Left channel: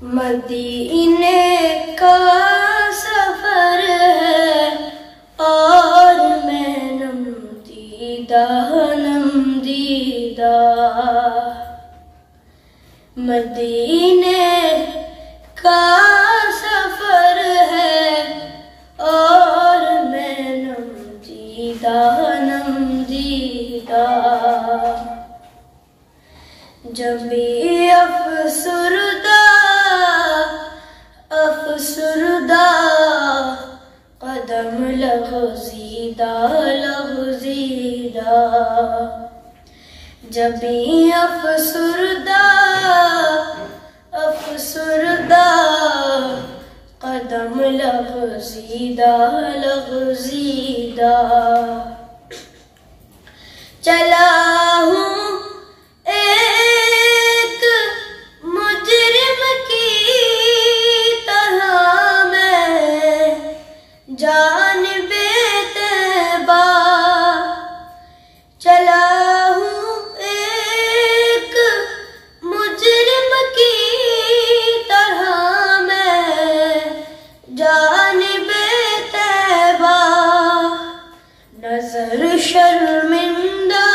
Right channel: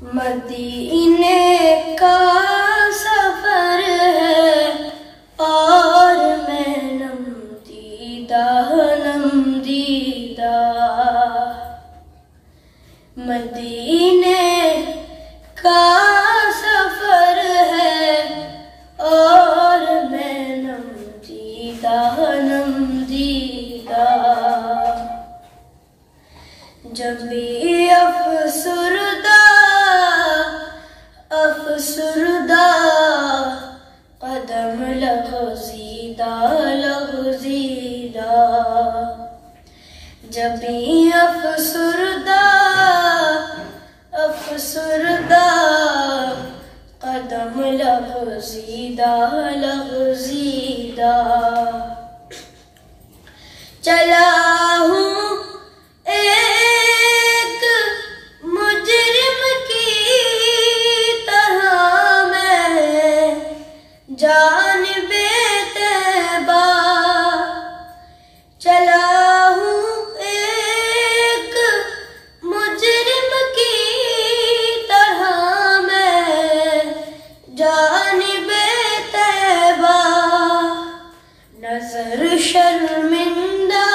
मदीने का सफर है और मैं नमदीदा नमदीदा। मदीने का सफर है और मैं नमदीदा नमदीदा। जब भी अफसुरदा कदम लग़ज़ीदा लग़ज़ीदा। जब भी अफसुरदा कदम लग़ज़ीदा लग़ज़ीदा। चला हूँ एक मुजरिम की तरह मैं जानिबे तैबा। चला हूँ एक मुजरिम की तरह मैं जानिबे तैबा। नजर शर्मिंदा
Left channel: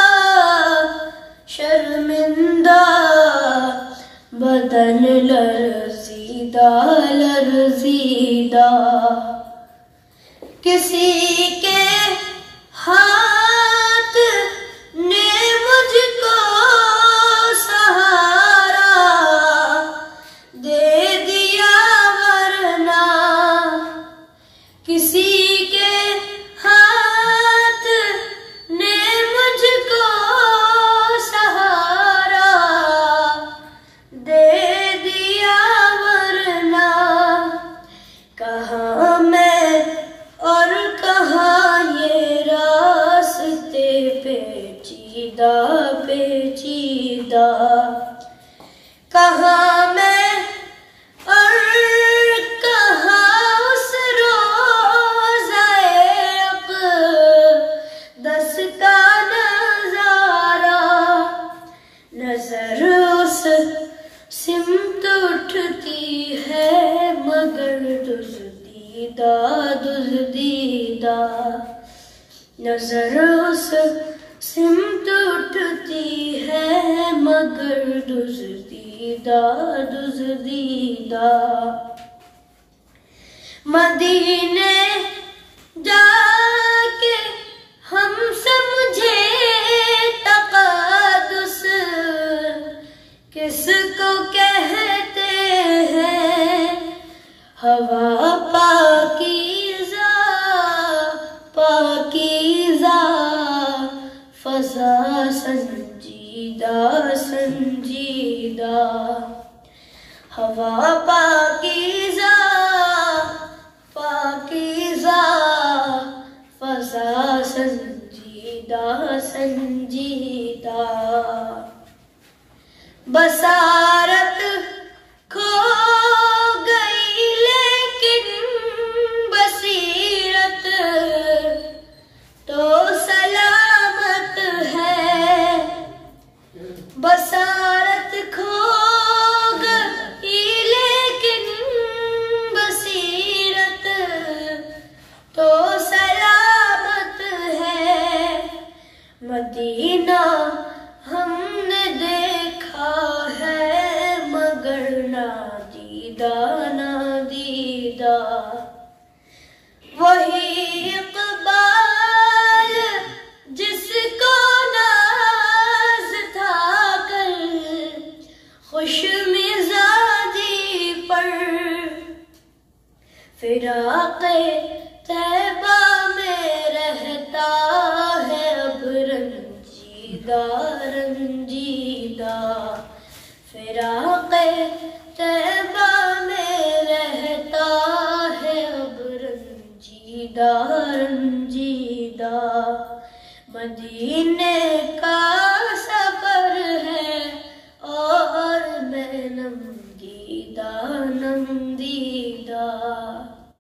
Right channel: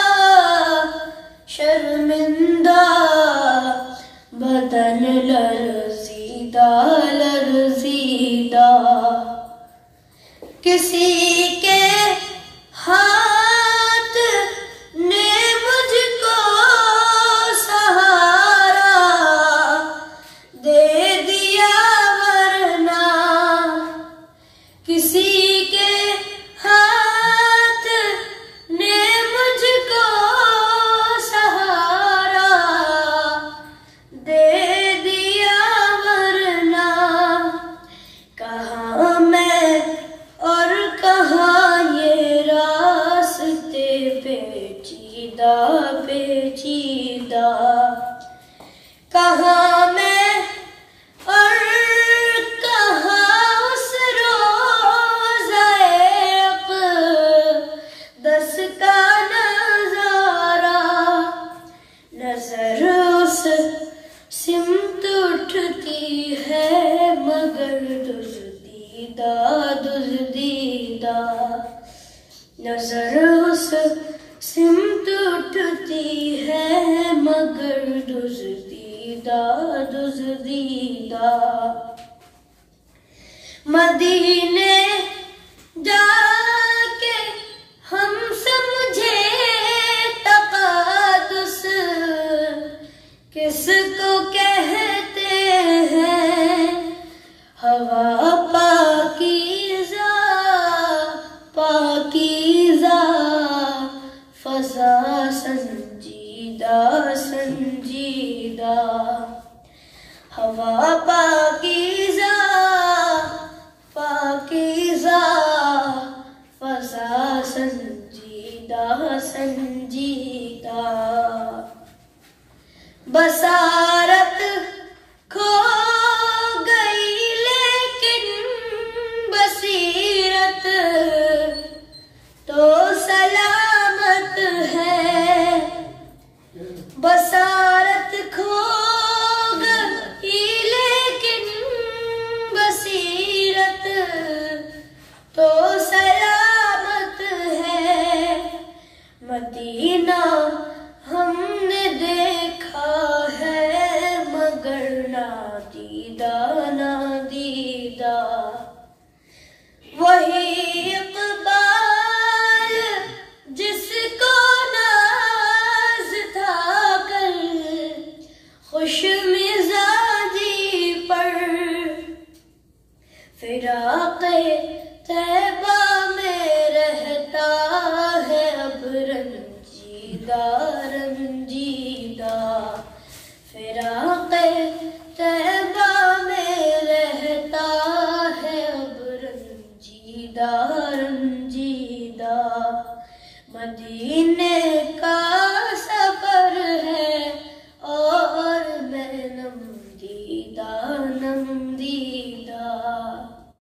शर्मिंदा, बदन लर्ज़ीदा लर्ज़ीदा। किसी के हाथ ने मुझको सहारा दे दिया, वरना किसी के हाथ ने मुझको सहारा दे दिया, वरना कहाँ मैं और कहाँ ये रास्ते पेचीदा पेचीदा। कहाँ मैं और कहाँ उस रोज़ाए अक़दस का नज़ारा। नजर उस सिमत उठती है मगर दुज़दीदा दुज़दीदा। नजर उस सिमत उठती है मगर दुज़दीदा दुज़दीदा। मदीने जाके हम समझे तक़ादुस किसको कहते हैं। हवा पाकीज़ा पाकीज़ा, फ़ज़ा संजीदा संजीदा। हवा पाकीज़ा पाकीज़ा, फ़ज़ा संजीदा संजीदा। बसारत खो गई लेकिन बसीरत तो सलामत है। बसारत खो गई लेकिन बसीरत तो सलामत है। मदीना हमने देखा है मगर ना दीदा ना दीदा। वही इक़बाल जिसको नाज था कल खुश मिजाजी पर। फिराक़े तैबा में रहता है अब रंजीदा रंजीदा। फिराक़े तैबा में रहता है अब रंजीदा रंजीदा। मदीने